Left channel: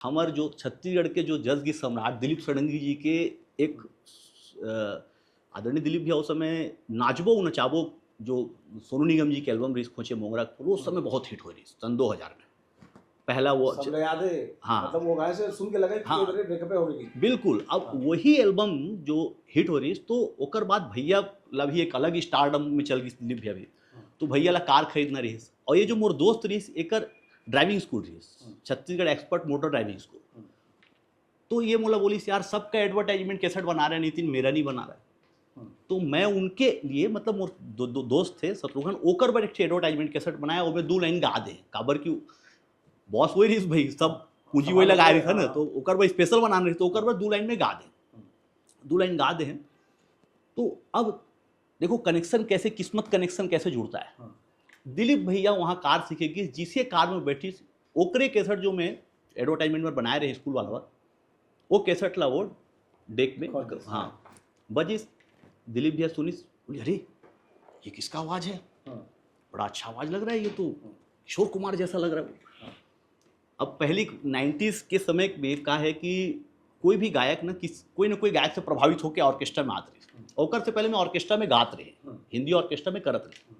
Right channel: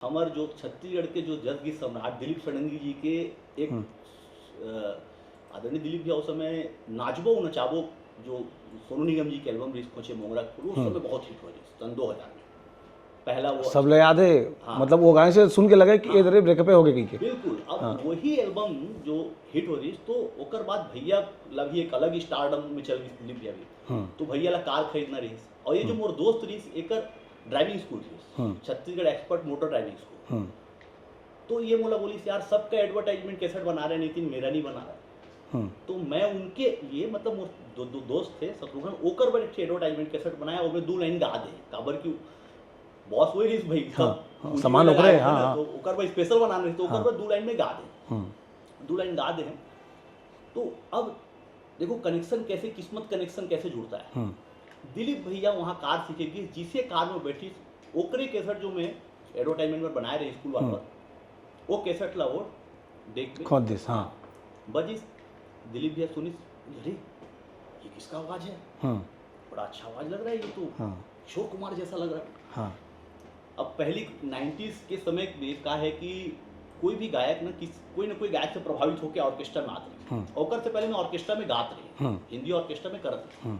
हमारे जो छत्तीसगढ़ के जो जज की सम्राट दिलीप षडंगी जी के एक आदरणीय दिलीप भैया उस समय नाचबो नचाबो जो सोनू निगम जी के एल्बम रिस्क खोचे मोंगरा वो उस समय बहुत हिट हो रही सन 2000 में पहला वो सब लोग याद है। हाँ। मतलब वो गाने से सुन के लगे कि हाँ। इधर ब्रेकअप हो गए कहीं के। बिल्कुल अब हाँ। वही एल्बम जो हिट हो रही तो ओकर बाद भैया ला भी एक अलग स्टारडम में चल गई दिलीप भैया भी तो भैया ला कार खरीदना रही और ये जो मोर दोस्त रही एकर ड्राइविंग स्कूल थी Chhattisgarh expert motor driving school तो ये मोला बोली यार सबका एडवर्टाइजमेंट कैसेट बना रहे नितिन मेरा नहीं बना रहा तो मैं उनके लिए मतलब दोस्त थे शत्रुघ्न ओकर पर एक एडवर्टाइजमेंट कैसेट बनाया वो 2 लाइन गा दे काबर क्यों बॉस वही रही भाई सब पूंजी में लगाए थे ना तो ओकर पर स्पेशल बनाना रही तो ओकर पर 2 लाइन में गा दे 2 लाइन गा दे तो अब देखो कनेक्शन कैसे किस्मत कनेक्शन कैसे जुड़ता है दिलीप भैया वहाँ कार सीखेगी जिसे कार में बैठी ओकरे कैसेट जो मैं एडवर्टाइजमेंट में बनाए रहे स्कूल वाला वो कैसेट ला वो देख में हाँ बजिस दिलीप भैया सुनी अरे ये किसका आवाज है बड़ा अच्छा आवाज लग रहा है ये तो किशोर कुमार जैसा लग रहा है अब पहली 90s के समय कहा है कि कोई भी गायक ना कोई ना कोई गायक से प्रभावित होकर ऑर्केस्ट्रा में आते रहे ओकर से पहले मैं ऑर्केस्ट्रा में गात रहे हिंदी ऑर्केस्ट्रा में करत रहे